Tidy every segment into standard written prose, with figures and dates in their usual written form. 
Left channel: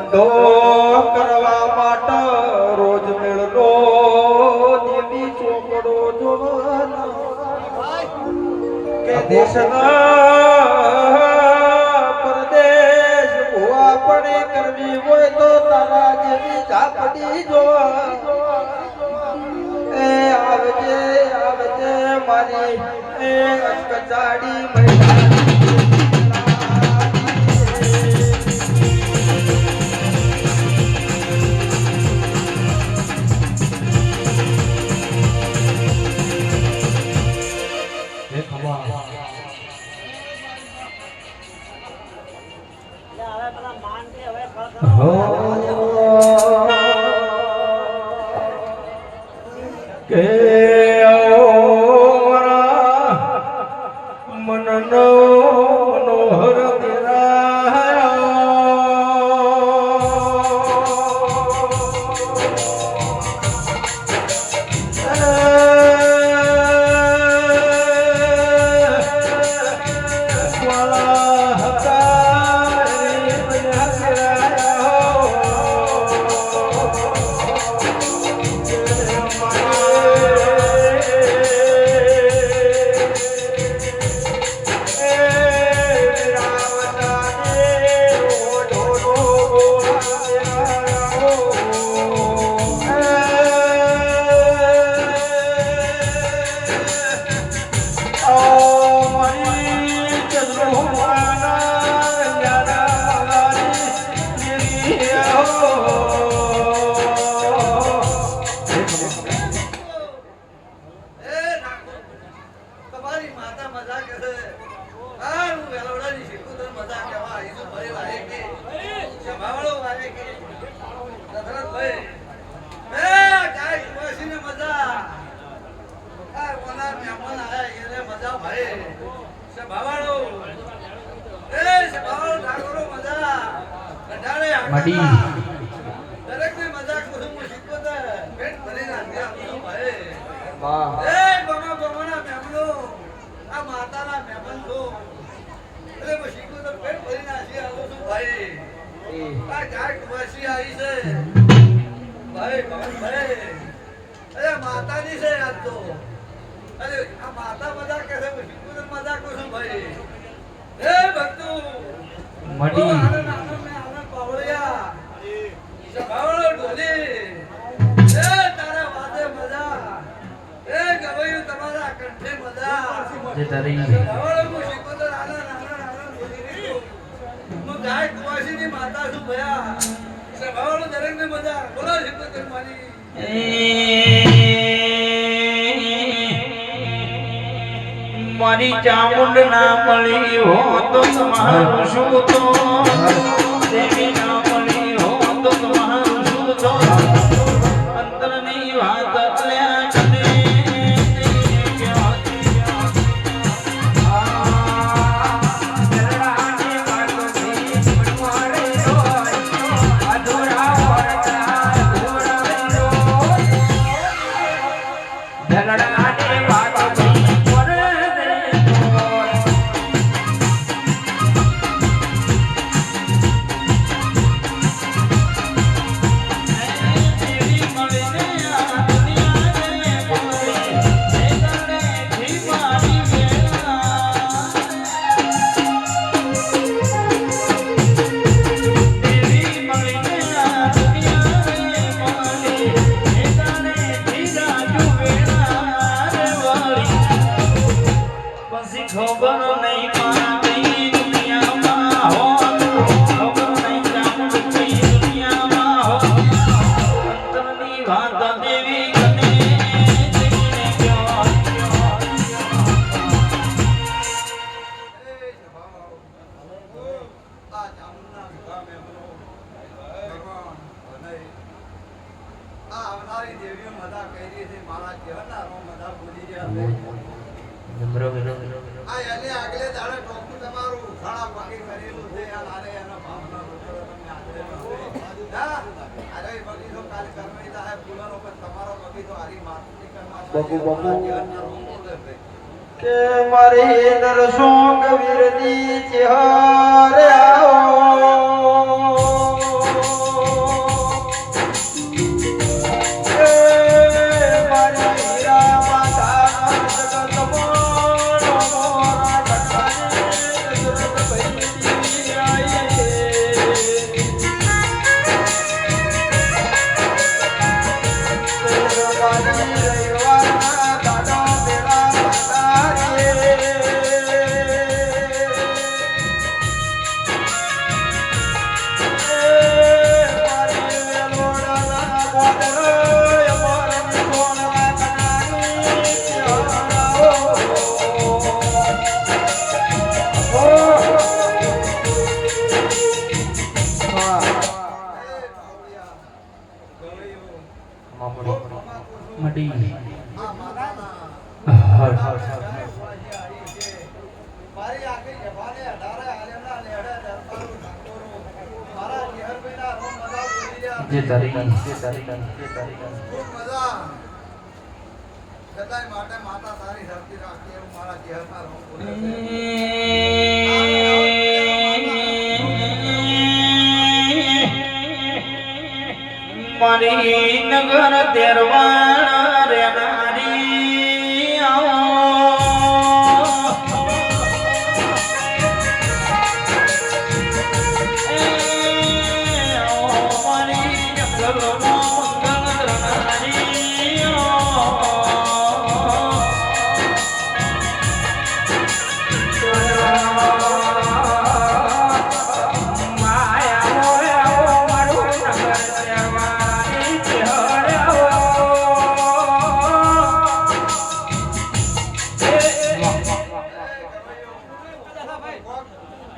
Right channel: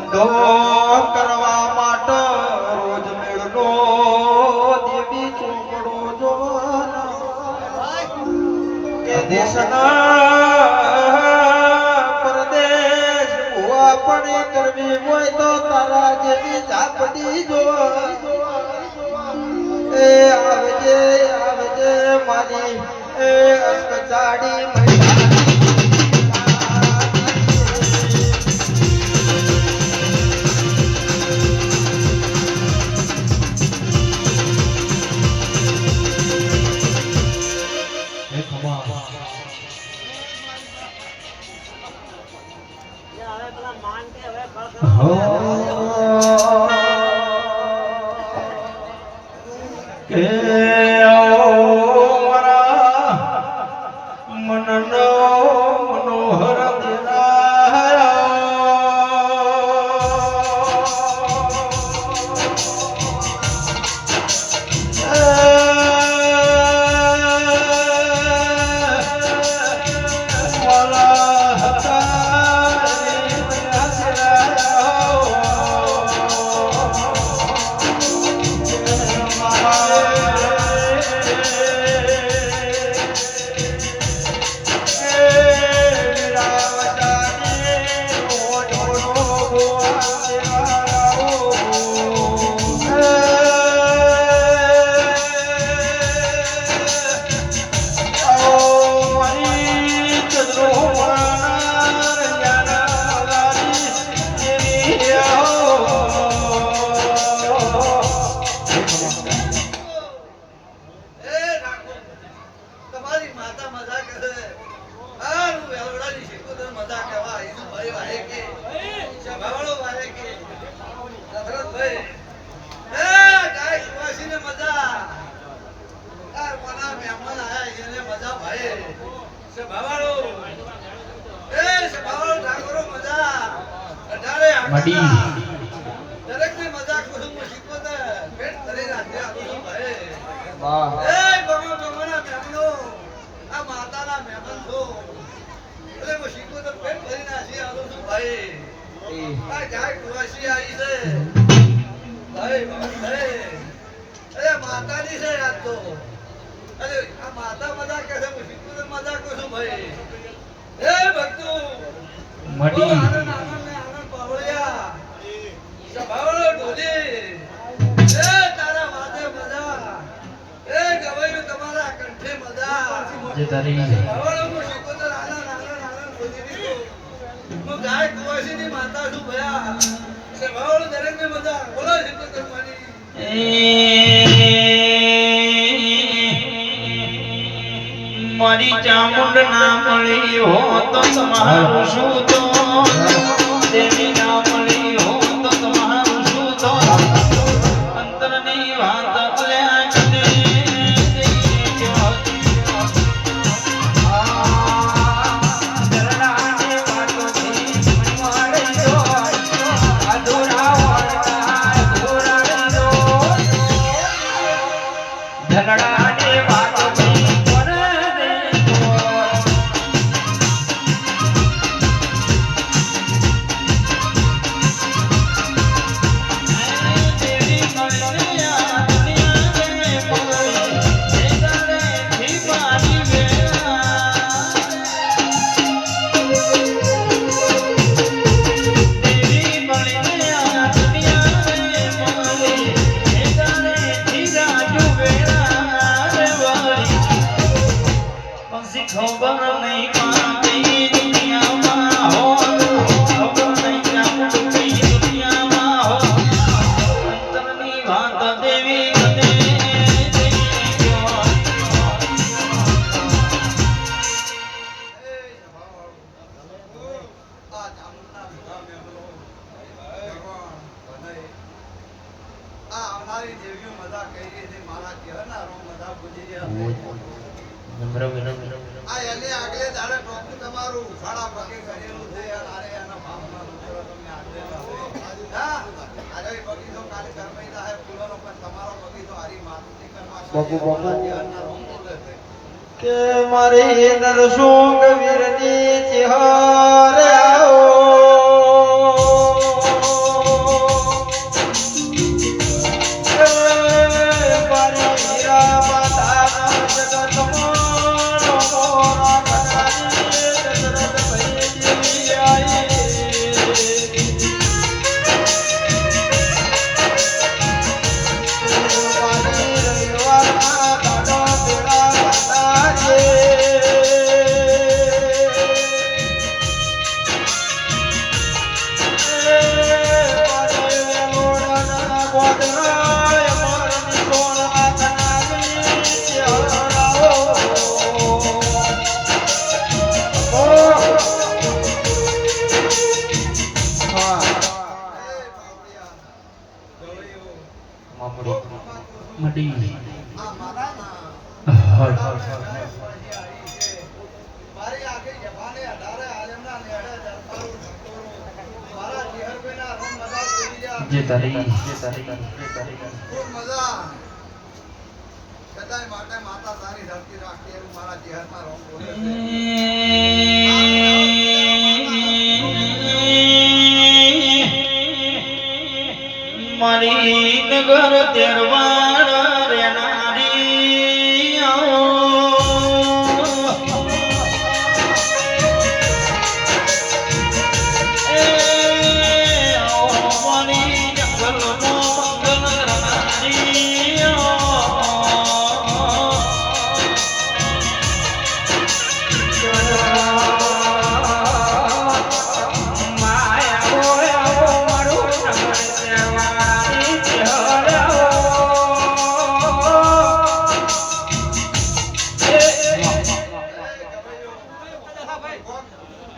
ધંધો કરવા માટે રોજ મેળનો દેવી ચોકડો જોવાનો કે દેશના પરદેશ ભૂવા પડી કરવી હોય તો તારા જેવી ઝાપડી જોવાની એ આવજે આવજે મારી એ અસ્કચાડી દરેક ને મજાક કરું હું શીખવો તો પેટ ભરીને હાથે આપું ભાઈ વાહ એ ગમો ગમોના મહેમાનો આ માતાના મહેમાન છો એટલે હું શીખવો તો પેટ ભરીને હાથે આવું છું ભાઈ આ જાય કુવાસી આવી છે ભાઈ ભાઈ અરે માતાની છે આજ તો અરે આ માતા મજાક કે છે હું શીખવો તો મજાક કરું છું ભાઈ એ ભક્તો મડી આનંદ આનંદ મે આનંદ પાવળિયા સભાવળો ઢોલી એ તારા વાદે મજા એ ગવાયું તમારા કંઠે મજા જે તારી સભાવળો મુ શીખોતર આનંદ આનંદ આનંદ બોલી રહ્યો હું ગાય કુવાસીની માતા છું ભયા સભાવળો દરેક ને મજા બોલો શીખોતર માની મારી ચામુંડ ના મળી હો તો તમારું શું તો દેવી ના મળી હો તો તમારું શું તો અંતરની વાત અલ્યા કદે આ એને આગલે દાડે ટોપું તમારું સાડા પગે કરેલું છે યાર આરે એના ભાવના રોકડો તમે આજે હા અરે બગીચો કાલે કરમઈ જાય ફૂલનો પણ તમારો બગીચો હારી માતુની કરવા ના રોમ બોલે છે કે મારી નરસુંગ વીરની ચિહરે આવો મડી આ માતાના મારી આખી જભાને અઢારે આલમના નેહડે દરબારો ઠાકોરો મારા ચહેરપેના રોમ મજા બોલી લ્યા જે તારી ખૂબ મજા સદાય માટે માતા તારી ધરતી રાખી એવું મારા ચહેરના રોમ બોલે છે મારી નગર તેરવાણ રેનારી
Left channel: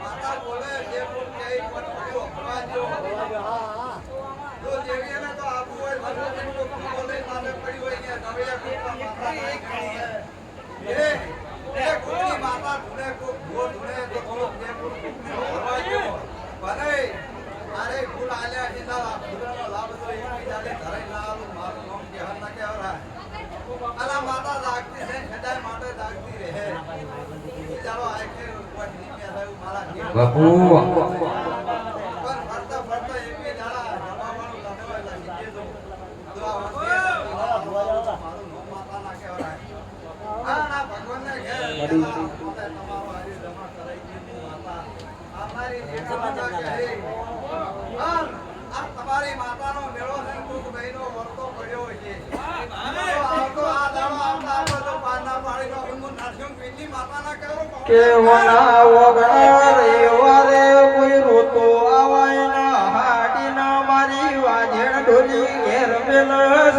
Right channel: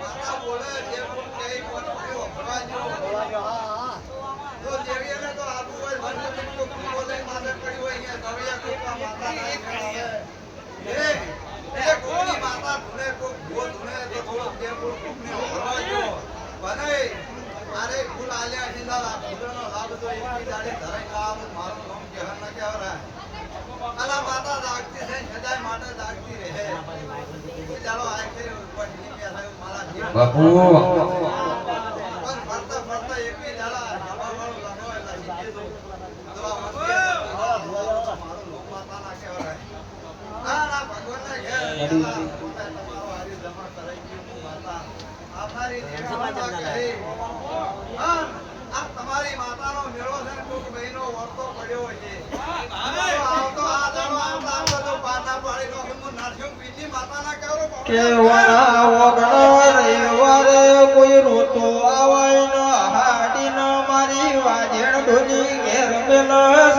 માતા બોલે જે બોલ કઈ કોણ પડ્યો ભરવાજો તો દેવીને તો આબુ હોય ભરવાજો કો બોલે માથે પડી હોય કે ગવૈયા કોકા માતા નહીં કરી એ કોની માતા ધુને કો ભો ધુને તો થોડો જે બોલ કોકને ભરવાજો બને અરે ફૂલ આલ્યા જીલા ફૂલનો લાભ તો એક બીજાને ધરાઈ લાવ મારું નામ કહેર ના કહેવરા અલા માતા જાગતી છે સદાય માટે જાગતી રહે ચાલો આખે પટલી મે થયું મારા બાપુ પર ફરતા ફરતા એક બે દાડા જવાવાળો લગોય લાગી દીધો દુઆ મારું નામ માતા ના કહેવરા આ ના ભગવાનને ઘેર તમારો હારી જમા કરાઈ ગયું માતા અમારી દેવી માતા કહે હા આ તમારી માતાનો મેળો છે કોક મહિનો વર્તો પડ્યો છે આવતો આ દાડો આવતો તો પાના પાડીનો હું નાઠ્યું પીજી માતાના કહેરો કેવા વગણ રેવરે કોઈ રોતો આવાય ના હાડી ન મારી વાજણ ઢોલી ઘેર મેલસ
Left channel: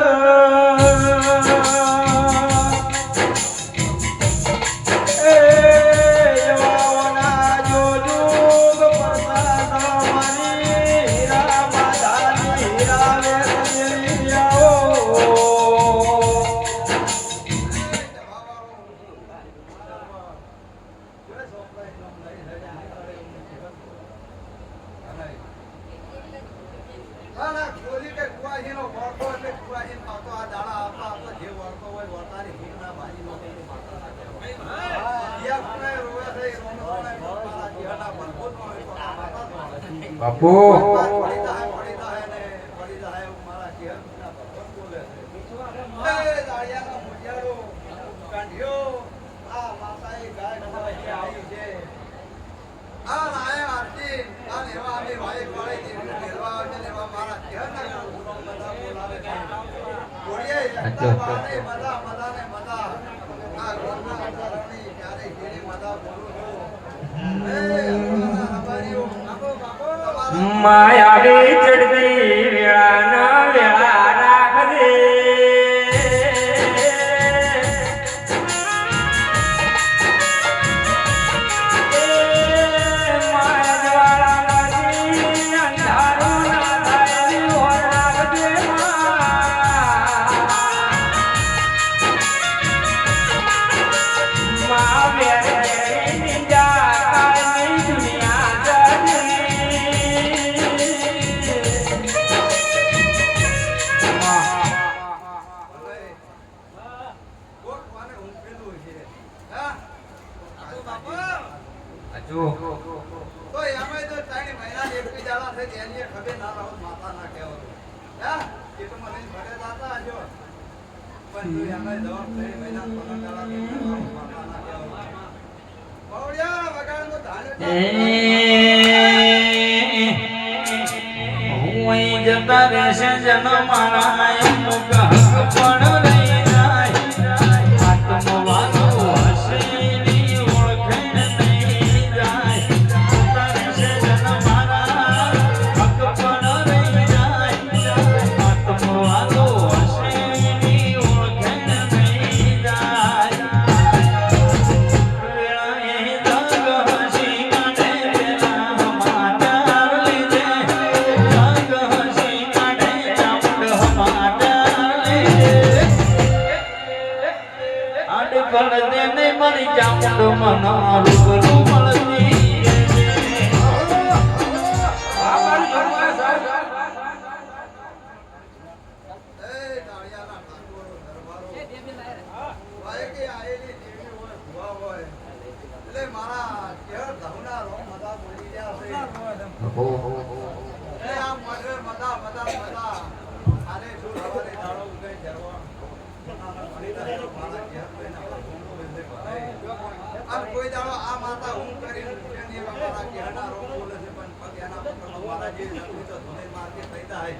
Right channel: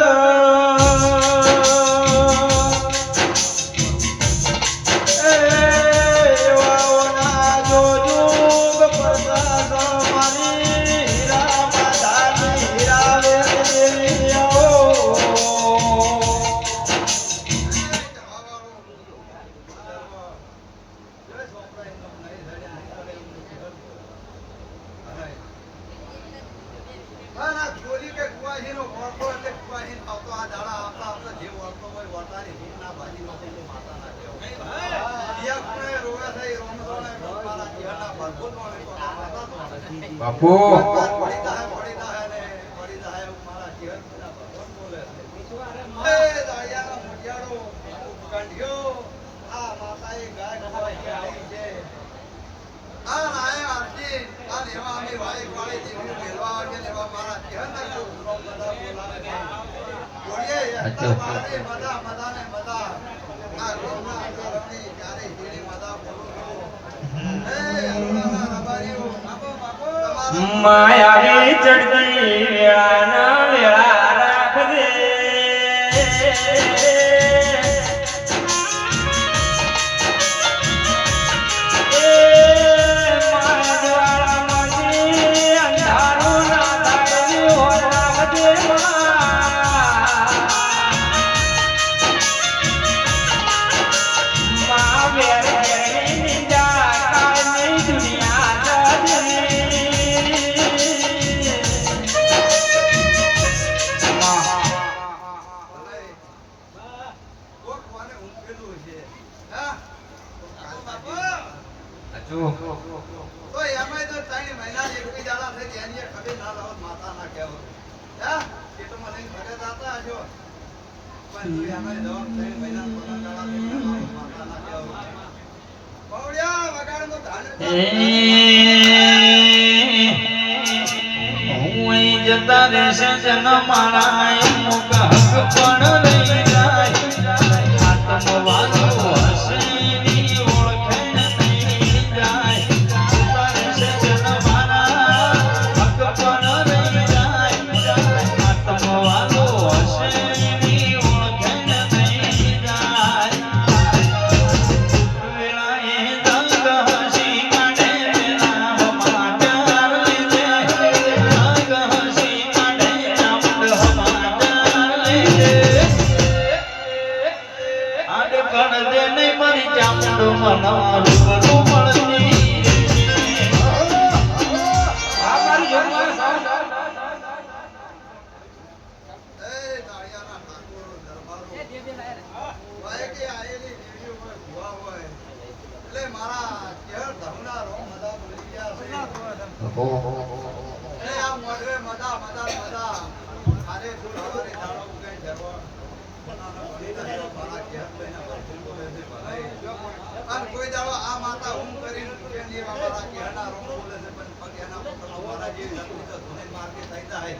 બાપુ માયા રે ચડતી વેળા ના વેળા રાખજે માયા જ્વાળા માંથી અંધારું ના થાય હો રાખજે મા મેરે નિંજા કાળની દુનિયા જજની તો એમાં તો 3 મહિના એક બી દાડા થઈ એની ખબર ના રહો માતા ના કહેવો હે પેટમાં લઈને ભરે જાતા આજો પણ તો એમાં દોર 3 મહિના કોના દાડા લઈને માતા ના કહેવો બવડિયા વગાડમાં ધાન હું અહીં જતા રહેશે જનમાળા અમુક હક પણ લઈ જાય આત્મવાદ હશે ની ઓળખે નહીં જાય જતા રહેશે જનમાળા હક પણ લઈ જાય આત્મવાદ હશે ની ઓળખે નહીં જાય વેળાએ દંગ હસી કાઢે પેલા ભમાડર લીધે દંગ હસી કાઢે ચામડ હમાર મજા મજા મજા આરે ફૂલ હવારે દાડો ઉગે જરવા અને કોઈ દાડો આ માતા હું કરીને ઉઠેની એવા મારા કહેના રોગ બોલે છે પણ પગ એના પકડ મારા જે નથી તો ધોને માર્કે થઈ જાય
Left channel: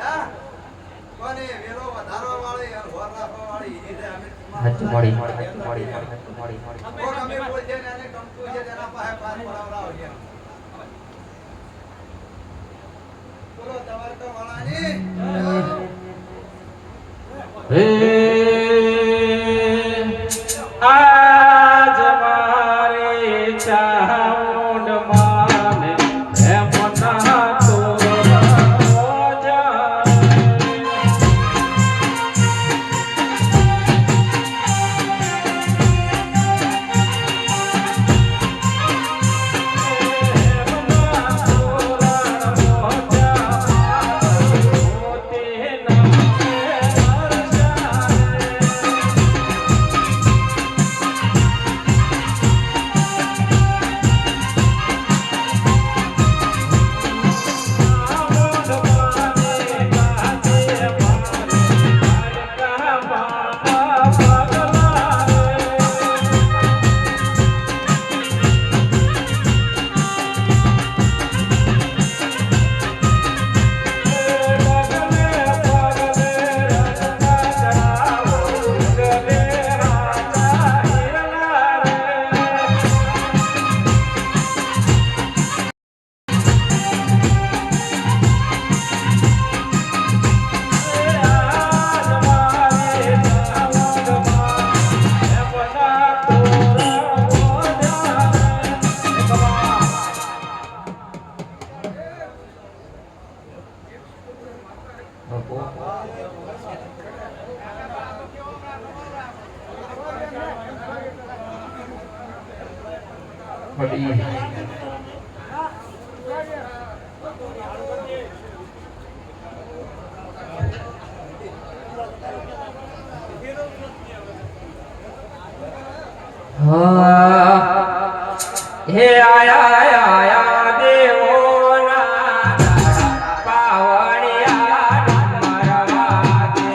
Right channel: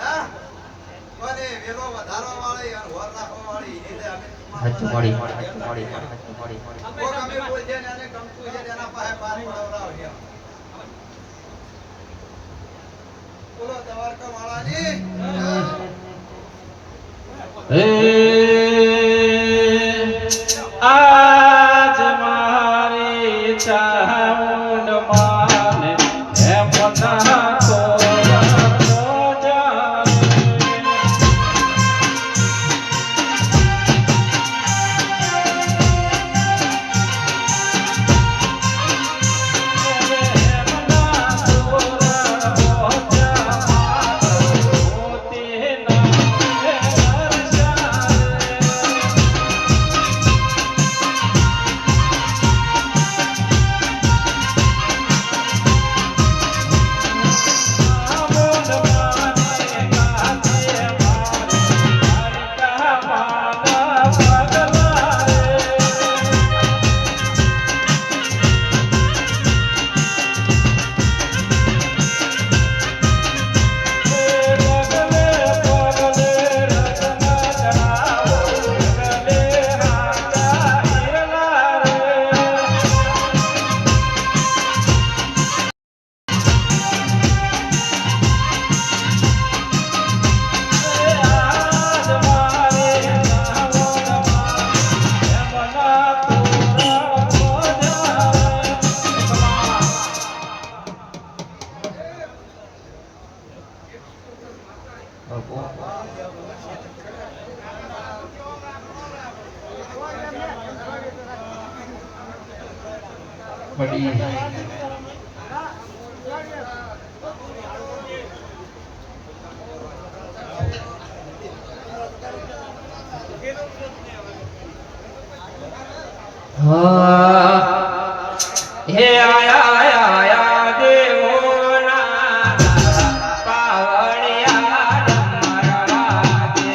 હા કોને વેલો વધારવા વાળી અને હોર રાખવા વાળી એટલે અમે મોડી અમે બોલ છે ને અને કમતું છે એના પાસે પાર પડાવરાવ છે બોલો દ્વારકા વાળાની આજ મારી ચામુંડ માને હે મોટા હે આયા દેવોના પાવડિયા ડમરા દે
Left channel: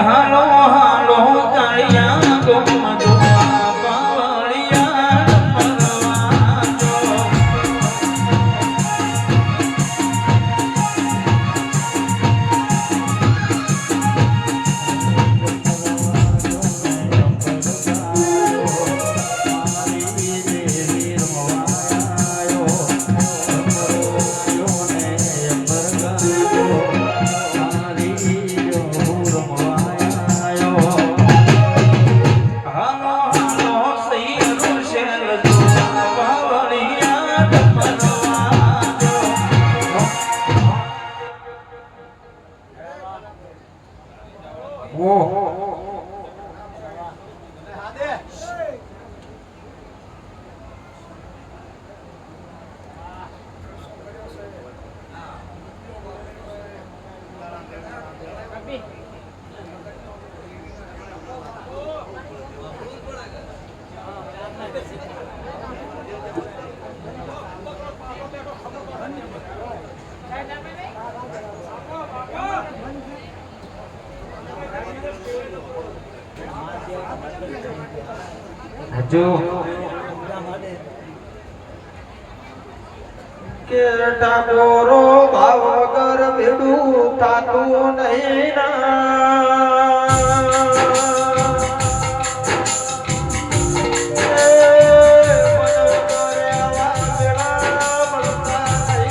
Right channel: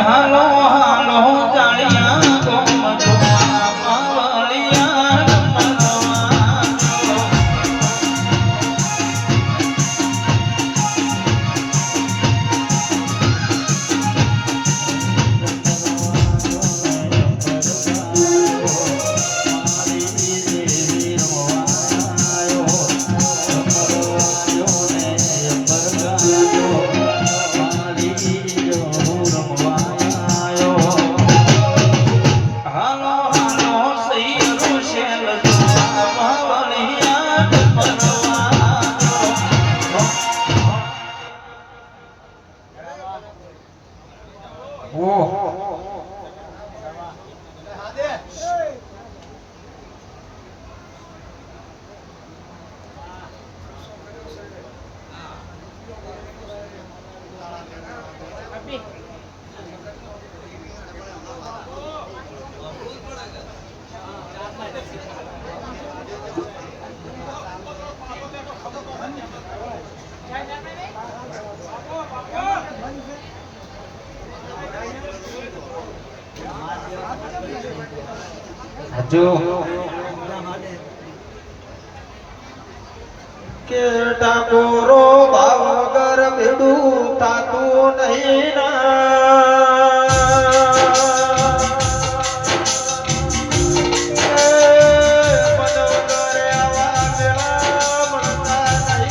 હાલો હાલો કાળિયા કોમ દુમા પાવળિયા ડમરવા જો કે ટાકોરો ભાવ વગર ભેડું થાતું નહીં ના મને કરે આવા વેળા મળતા નહીં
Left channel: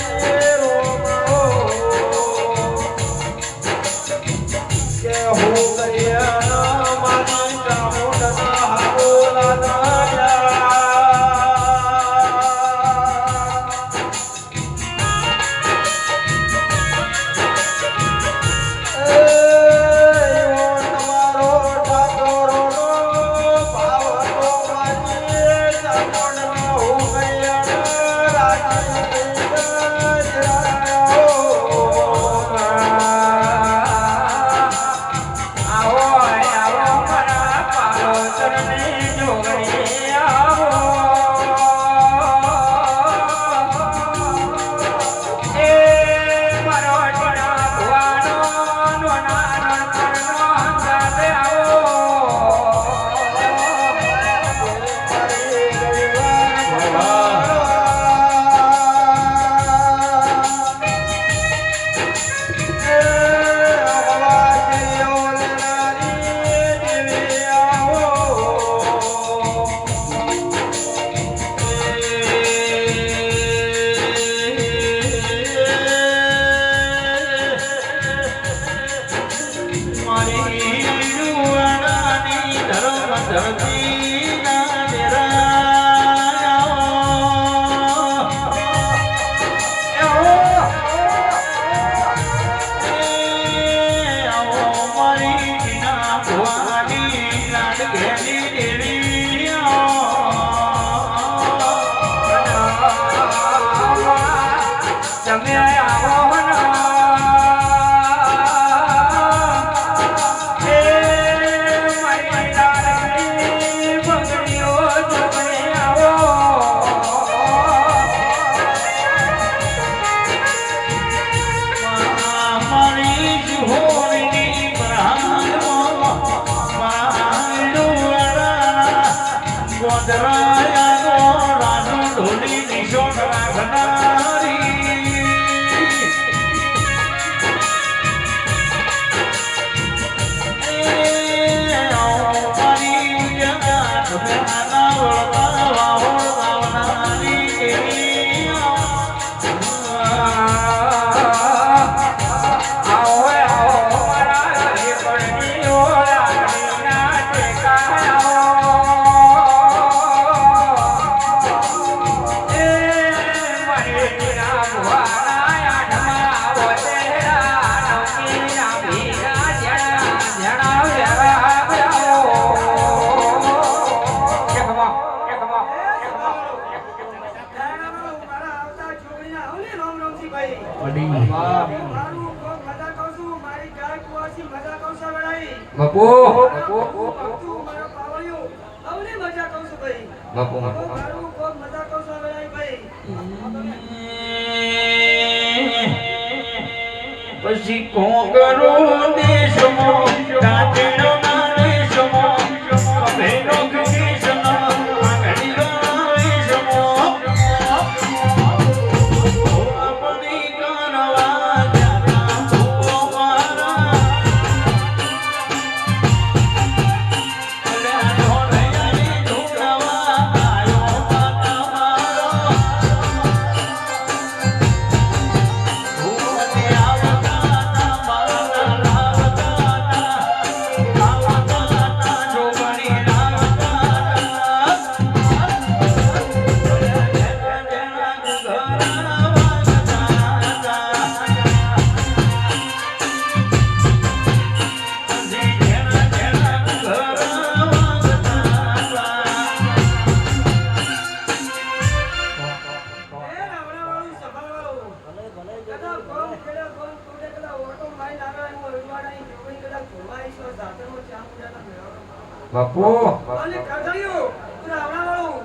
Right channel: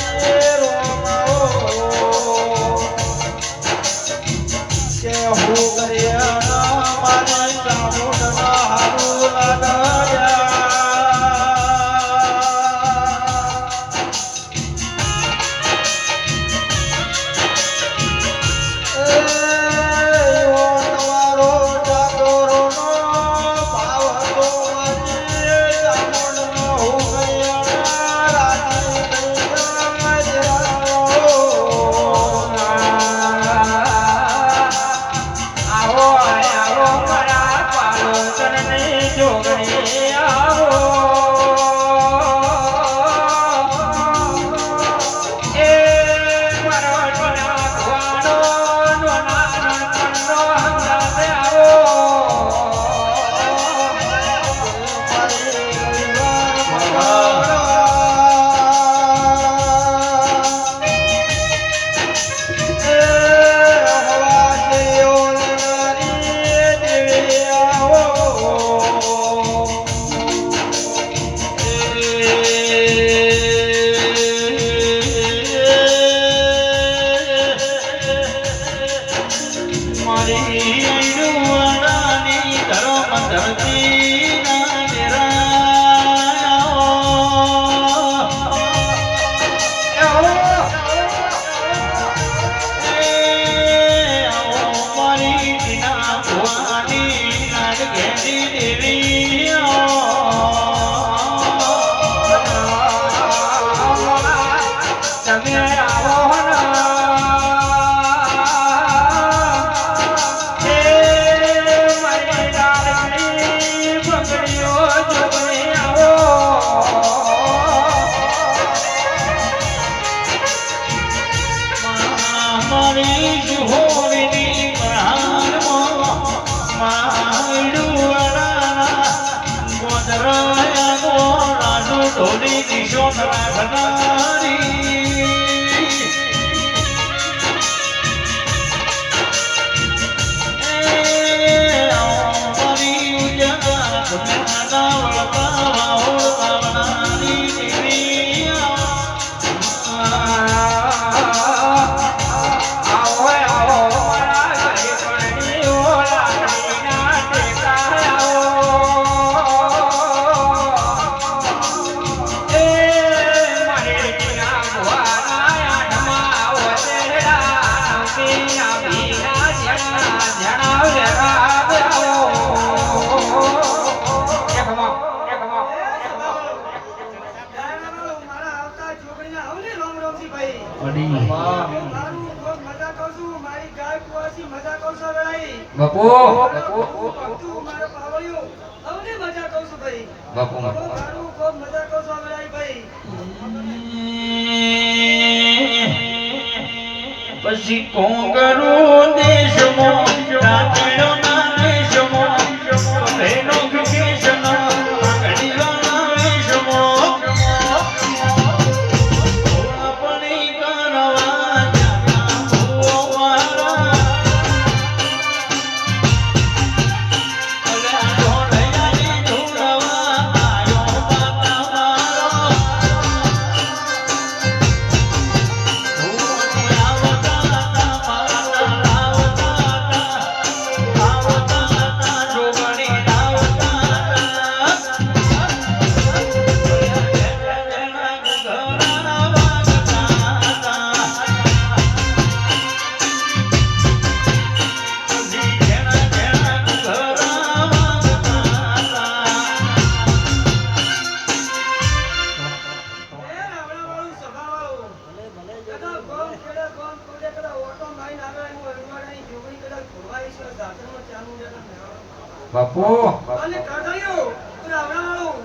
તમે આવો બાપુ પછી કોંગરો દેશમો કાચડો ના દેશમો ભેનો કૃષ્ણ કડીઓ દેશમો આપણી કરવા બાપુ અને કરદળિયો અને આવનાવાળું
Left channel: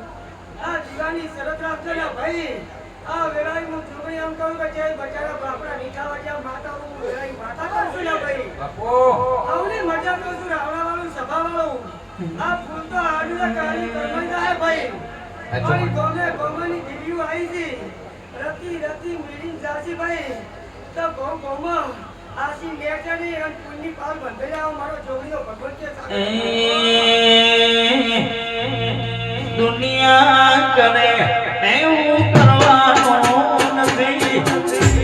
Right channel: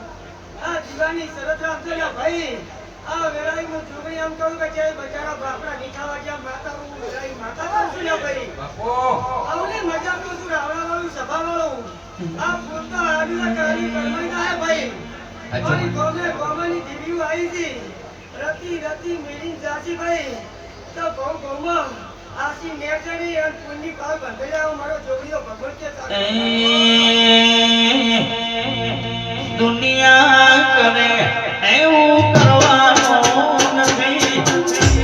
આ જીવાની શરત રાખજો ને ભાઈ આ વેળાએ હું છોકરી એમ કહું કે જે બચારા બાપરા નીઠાવા જ્યાં માતા હું વેળાએ માતા કહું છું ને ભાઈ બાપુ આવને મજા કરું છું આવનાવાળું સભાવાળું આ ફૂલ તો આવીને કાલી કરમાઈ ના હે ભાઈ મારી ગોમની દીવીઓ આવી છે રતી રતી મિલીન જાસી ભાઈ તો ગોમાં આસી નેચરી અને પુણ્ય પાલ બંધ જાવ મારો જોડીઓ ભગવત કે દુનિયા કરે એવું કરવાનું નથી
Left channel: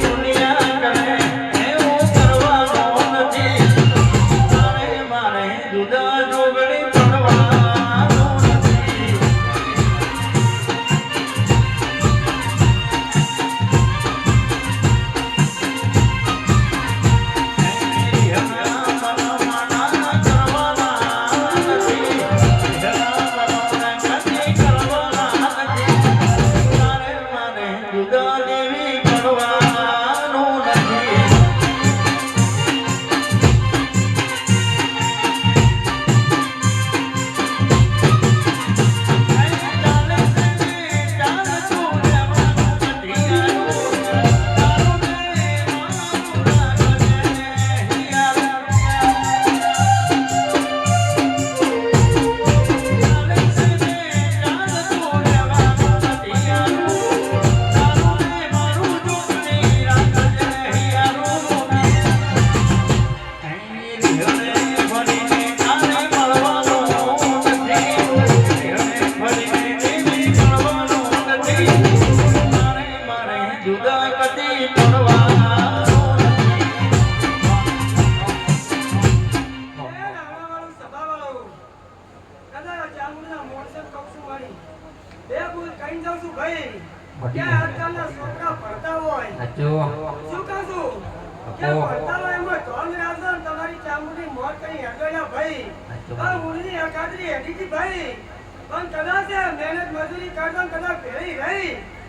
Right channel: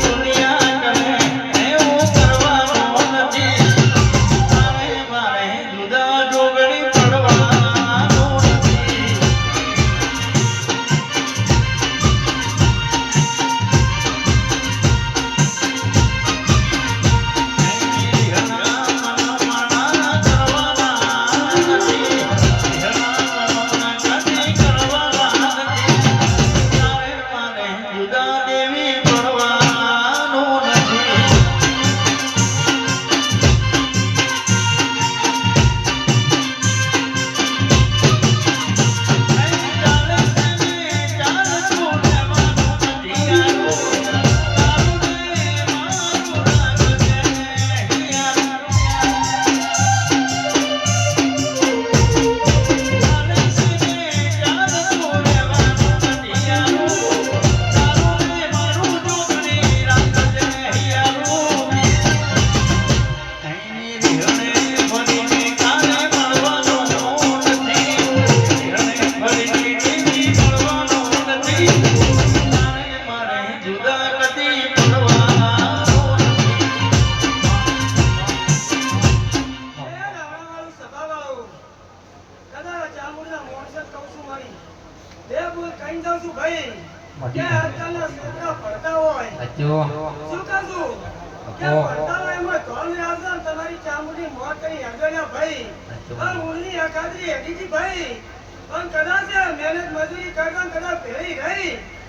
દુનિયા કરે એવું કરવાનું નથી મારે જુદા જોગણી પડવાનું નથી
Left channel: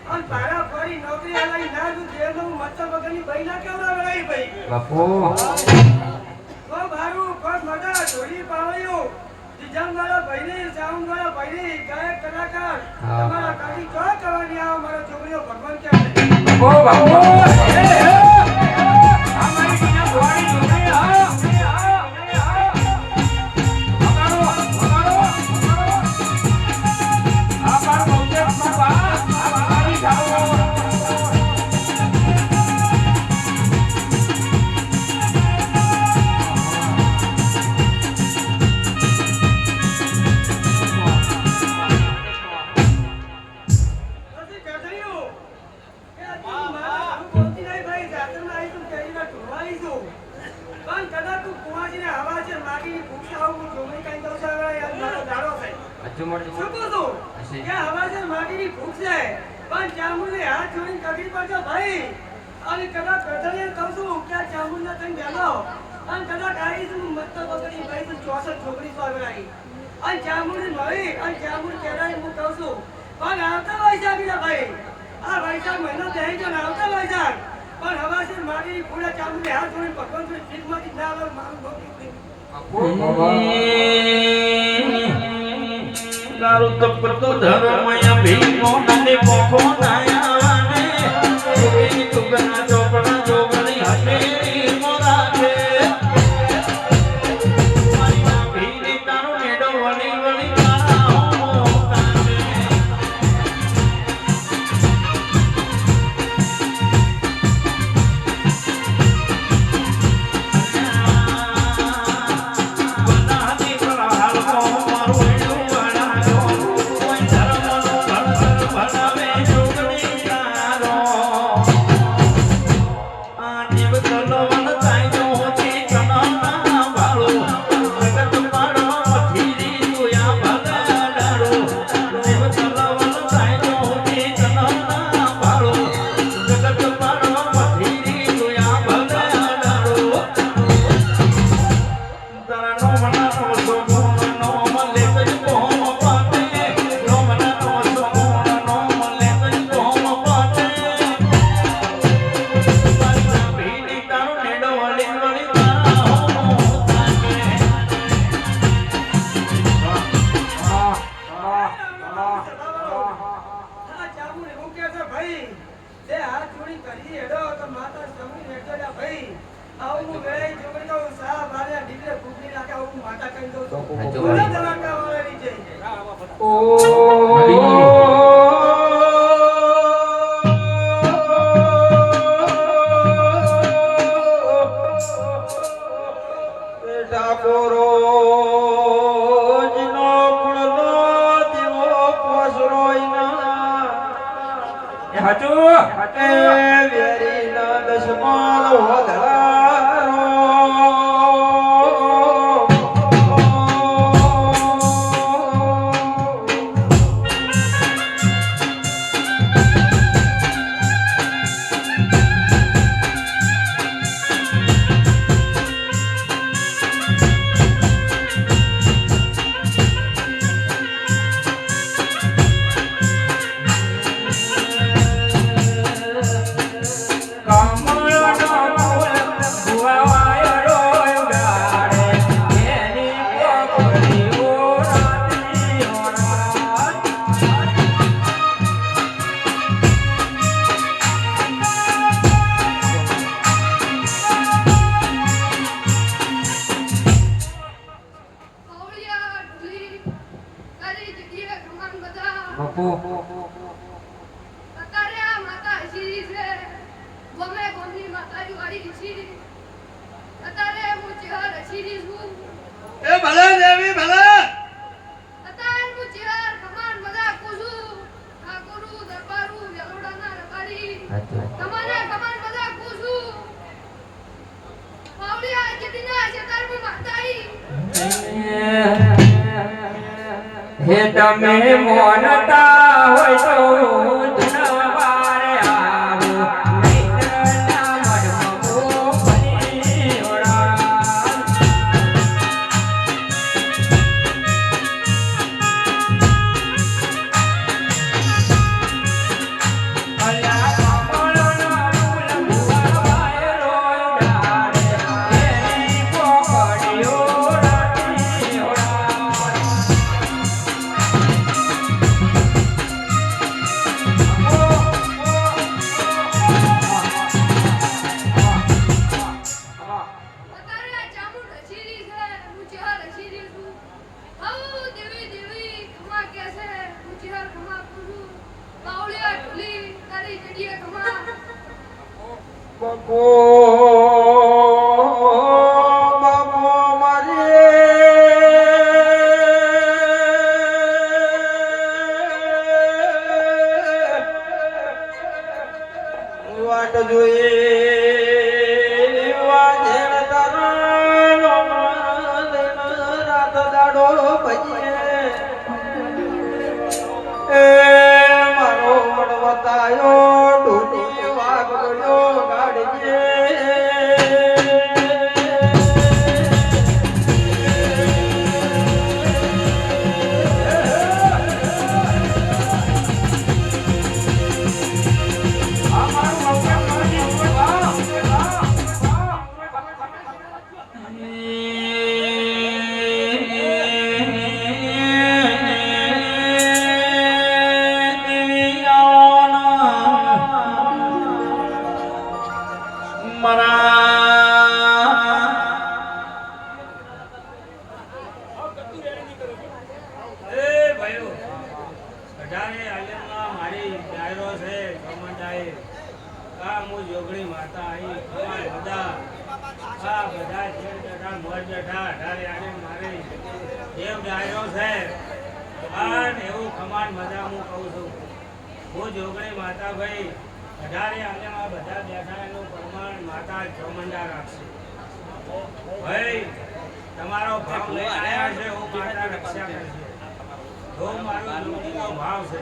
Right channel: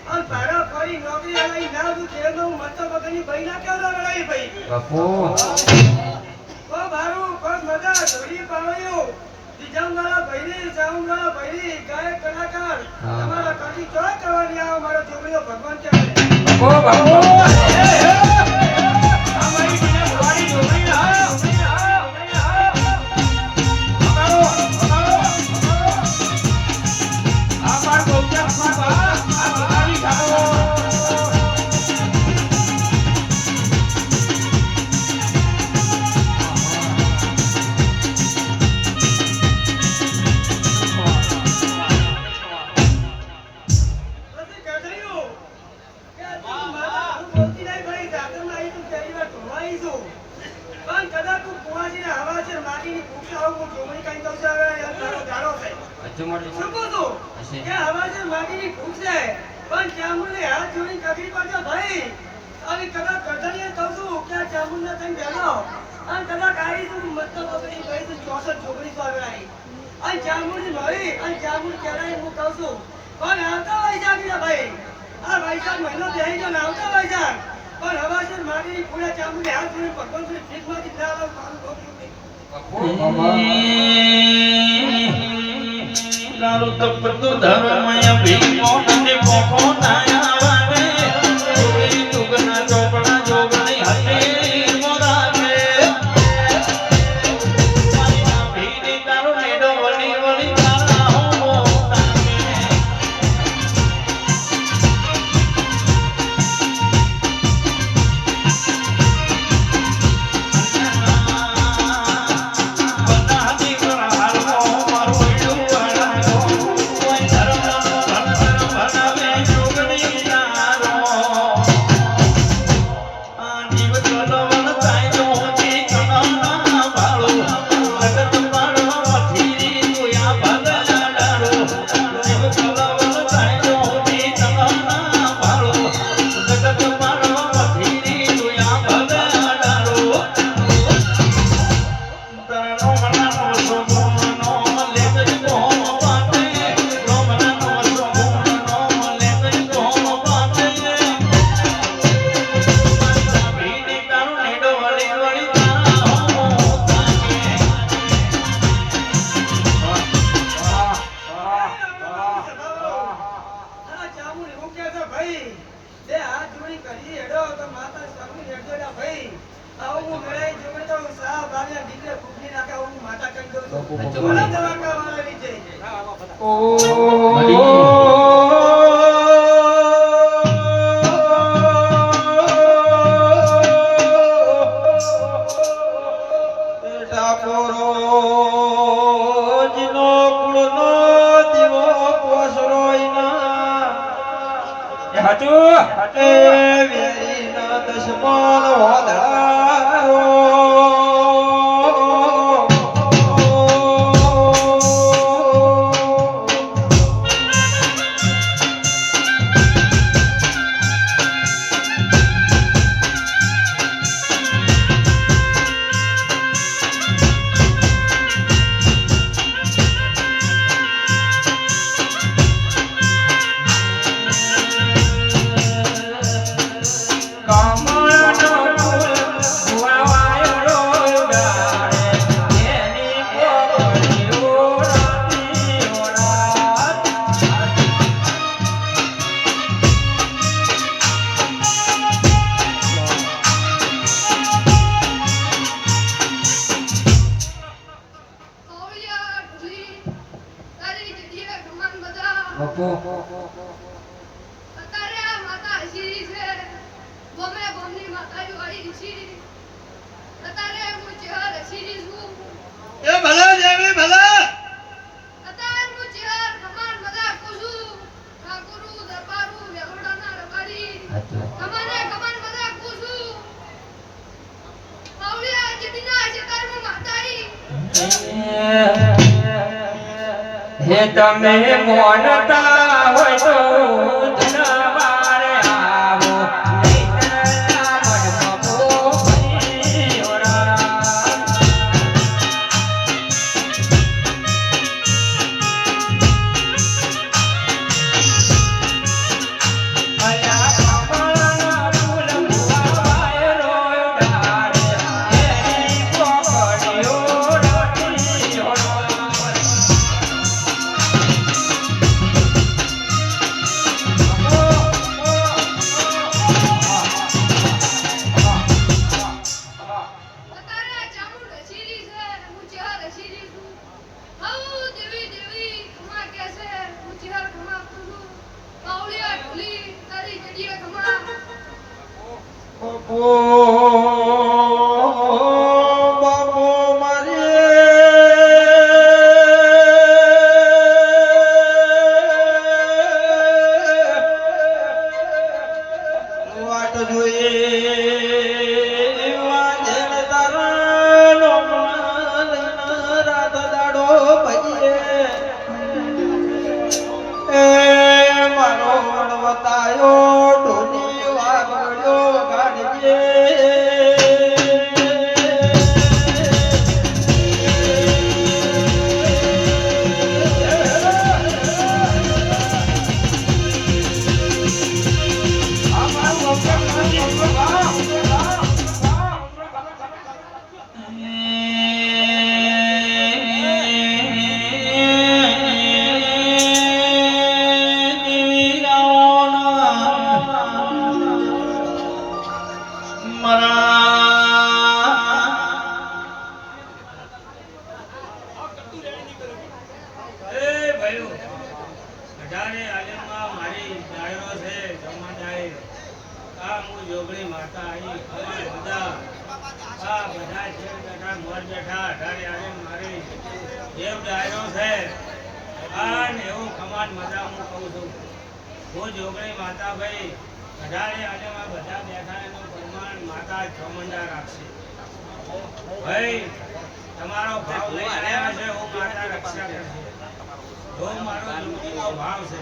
અને પારા ફરી નોકરી આલાઈ ના દુ જેનો મત વગરની બઈ ના કેવડા વેળાઈ ભાઈ બાપુ કો બારું કો મગા ધોરી પાવળ્યો દિજંગાળા ભાઈની સાઉન્ડવાળા ભાઈની ગાયક કલાકાર તમારા કાઢી જો કરવાની આવો મારો છોકરીઓ ભગવાન કહેવાય ઓ બાપુ અમારી દીના ભવાની છોકરી હા પછી કહેજો કે તું મારા બોલતી નહીં ભાઈ જાતમાં આવી તું પહેલી વાર ધોવાઈ છું પણ કદાચ તું કુવાજીને હવા છે માટીની ફૂંક આવું હું છોકરી કાઈ દઉં છે હવે મારો ગાળો થાય હજુ મળી શું કહું છું કે હવા છે માટીની ફૂંક છે પણ ચામુંડને હાથ જોડીને કગરી પડજો ભાઈ અને કદાચ ગધડીએ કહું છું કે આ ચામુંડના તને બેનો અને કદાચ આવી તું મતલબ વગરની ભાઈ તું 64 છોકરી તો આગળ આવી અને ચામુંડની મળી અને ચામુંડ કહેવાય હું કહું છું પણ આવતા વૈશાખી ભાઈ આ વૈશાખ મહિનો બેહી ગયો ને આવતા વૈશાખ પણ હવા છે માટીની પૂરા ચામુંડને હાથ જોડીને ભગવાન જોડી ફીકમાંથી ના લો મારું ભોગવું નહીં કારું તપતો ધર્મય ભીમો અને મોખો નાયાવાને ચોરી તુગના ચોપડા જોગણી હટેલી મુરાગે માયા ભીની તારો નેડો વળી વળી તારા મોકામે બનાદી કરાળો મારો એડો વાળો કોઈ ધર્મનો ભણતર ભણાવે જોગણી નારો આ નિવતલવન કાયદો હોતી કના વાળો જગત પાડો મથીરી તુયા ભગા ડાળો નિવતલવન કાયદો હોતી કના વાળો જગત પાડો મથીરી તુયા ભગા ડાળો તારો મનાનો સોમનો લેવજ કોમ પાપે નો મનાનો સોમનો લેવજ કોમ પાપે ભીની તારો નેડો વળી વળી તારા આ ચામુંડ એવું કહે છે ભાઈ જે હાથ જોડી કરી હેડો તો માતા સમરી હેડો ને ભાઈ આવું હું વેળાઈ જોગણી તો સા બારે દીકરે ફૂંકની નાખે આવું હું માતા કહી દઉં છું બોલો દવાકા વાળાની જય પાવળિયા ઢોલી તારી જગ્યાએ ભગવાન બધા બાપુ અત્યારે આ માતા હસીરી છે ગમે ગમની માતાજી વાળી હસીરી અત્યારે હું ચહેર હસીરી છું એ ભલા દેવી ભલા અત્યારે હું ચહેર કમાન બધા કુસું ઠાકોરું દરબારું વેલોડાના રબારી તમારે કમાન બધા કુસું પાવળિયા જેદીના છે તારી માતાઈ હે તમે મોનતા હોય તો દરબારે આવો નહીતરના મનમાં ભોગની ઓળા બાપો બાપો મારી વાટ જોઈએ વાજણ તારો રાત દાડો ભજીએ એ મારો વડવતાયો ઢોની વાગડ્યો ગાડજે તમારો ભાવ લઈ આવ્યા છે હું માતા રક્ષા કરશે જો મારો જીવનો ભાવ છે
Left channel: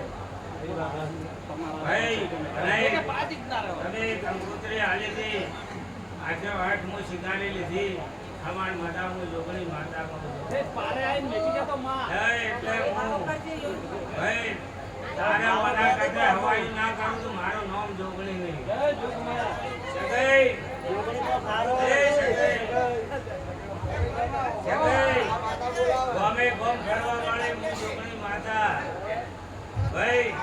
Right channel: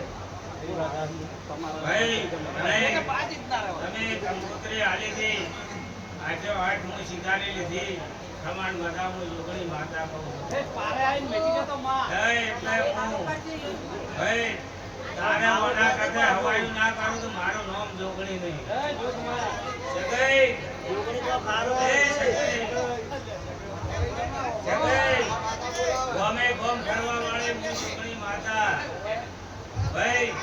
ભાઈ તમે કંકોત્રી આલી હતી આજે 8 હું શિકારી લીધી સમાન માતા હું જોગણી માતા કહું છું પારે આવીને બેઠી ગયા તો માં એટલે ભાઈ તારે મના કરતે હવાયું ના કરું તો મારું નામ જોગણી નહીં જગઈ જોગણી કો ખારો એ જગઈ ગમે ગમ કરવા વાળી હું જોગણી માતા ભાઈ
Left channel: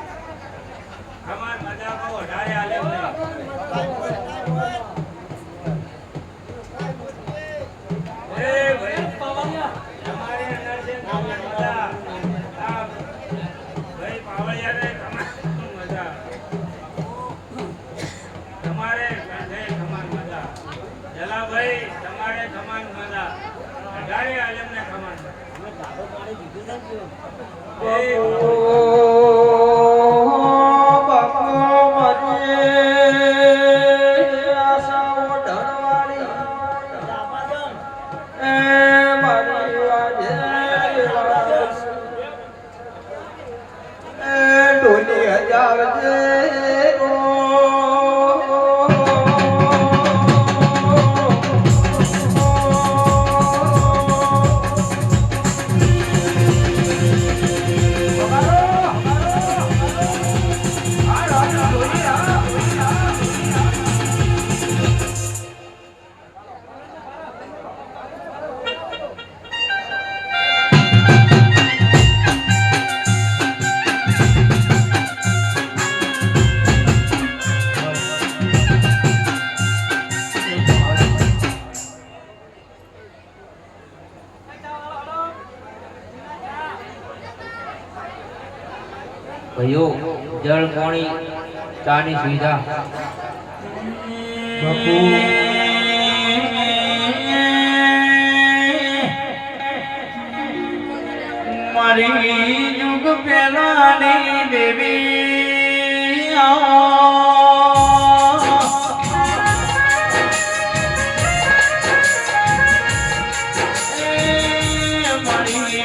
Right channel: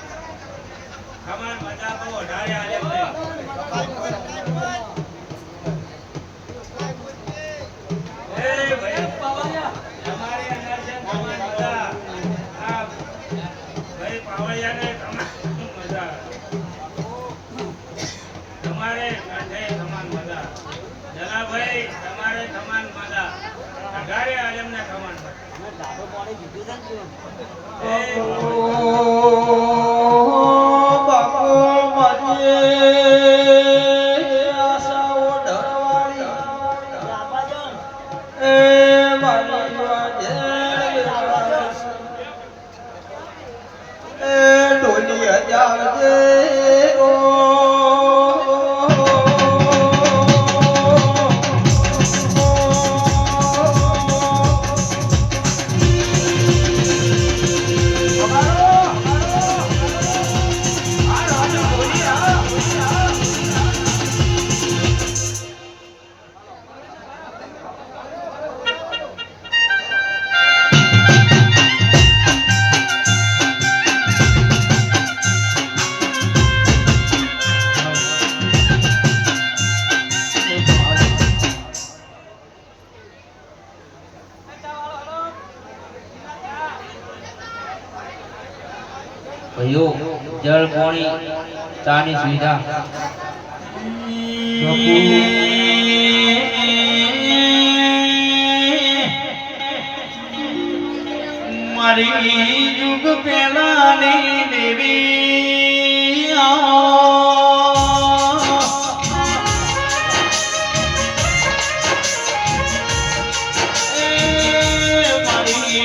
સમાન મજા કો વધારે આલે નહીં એ ભાઈ તમારી અંદર છે મજા આ ભાઈ પાવળિયાને મજા તમારે કાંઠે સમાન મજા જલાભાઈ તમારે સમાન મજા અઢારે આલમને સમાન અમે દાદો પાણી કીધું છે બાપો મારી આશાઓ ઢળવાળી એ મારી વાજે એ ઢોલી હજાવજે ભાઈઓ જળ પાણી ચાની સુવિધા મારી યુગ પેલાની દેવી મારી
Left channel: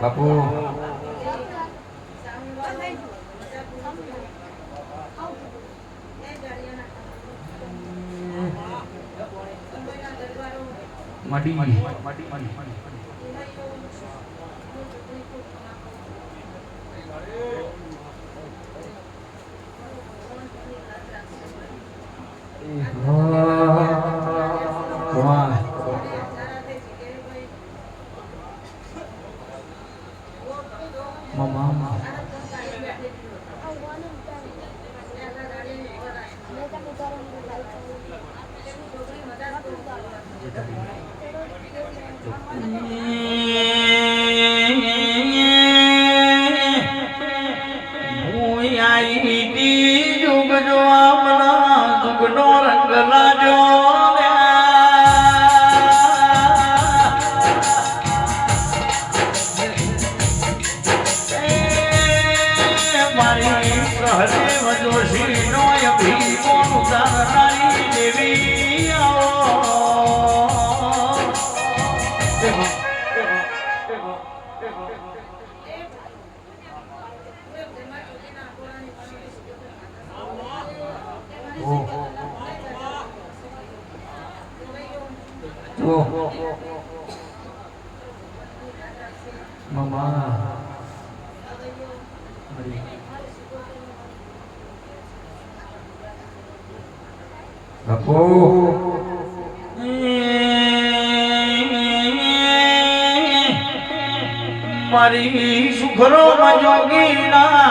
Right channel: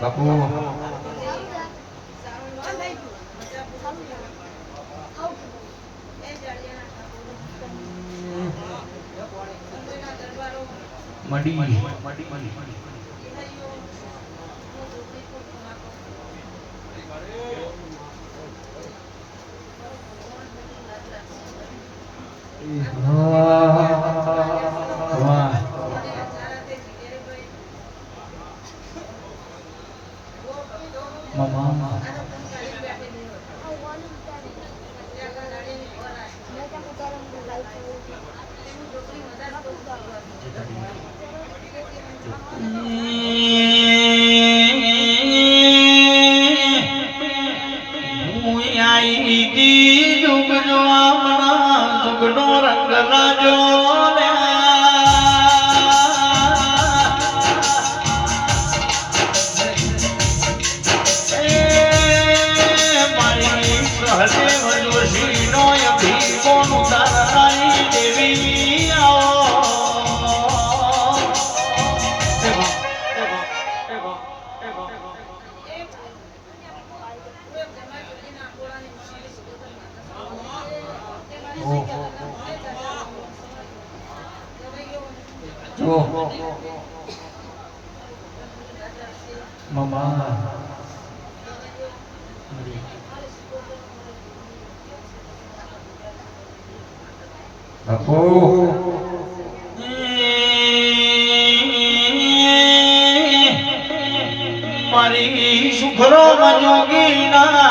બાપુ મડી મારી સુખરો જોગી ના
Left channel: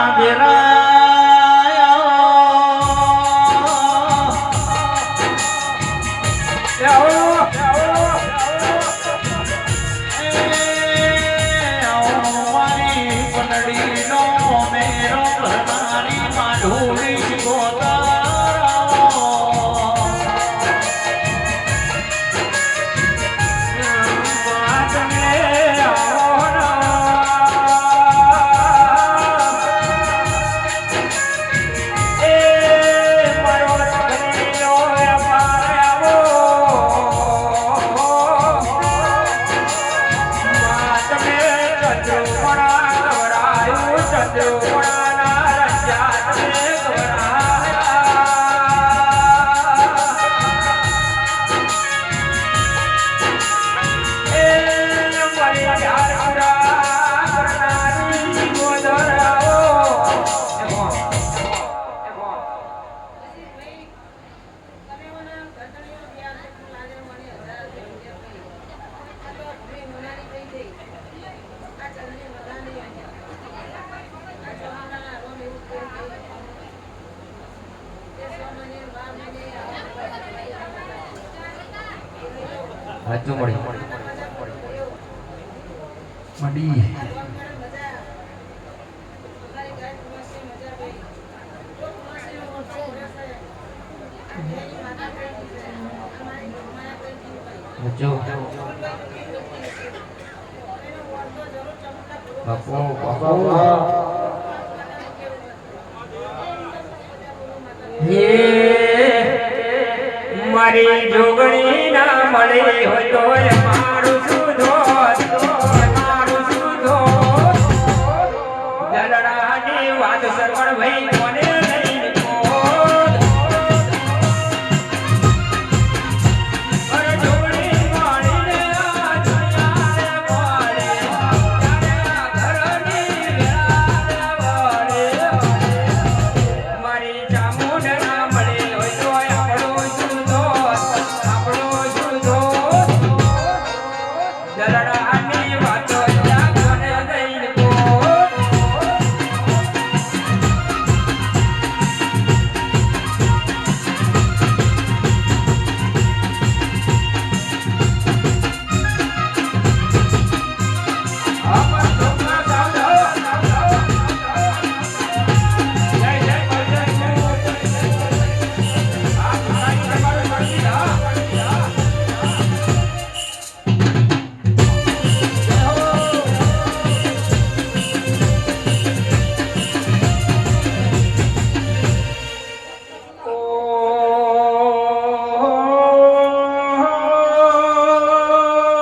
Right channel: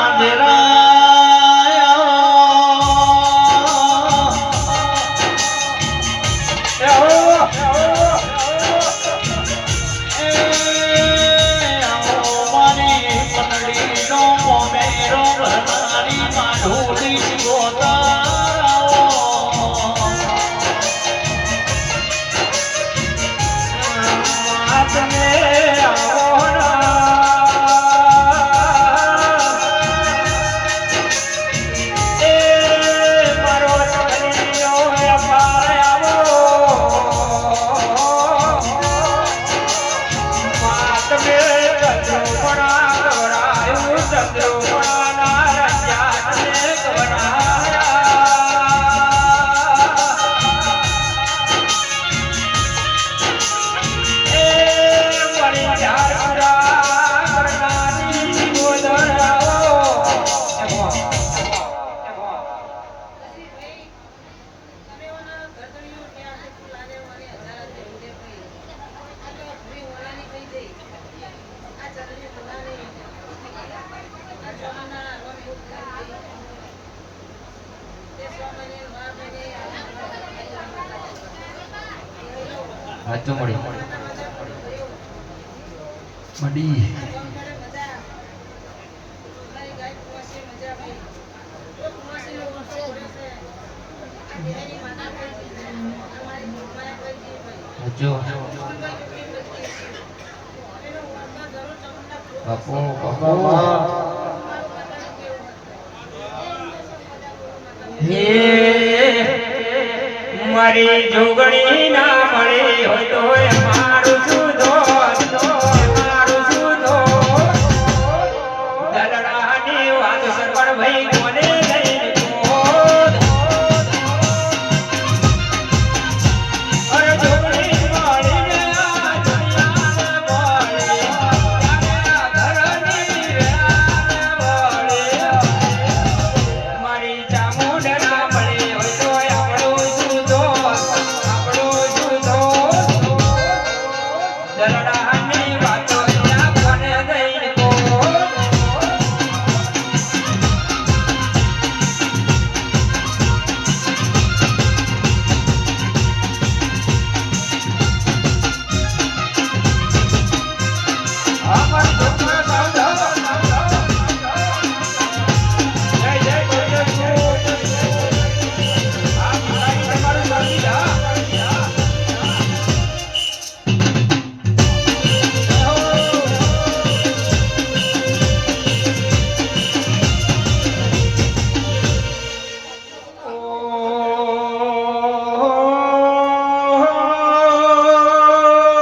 મડી જો બાપુ મારી જોગણી ના મળે તો મારું સુધો મારું સુધો દરડાની વાત સરવણ ભાઈ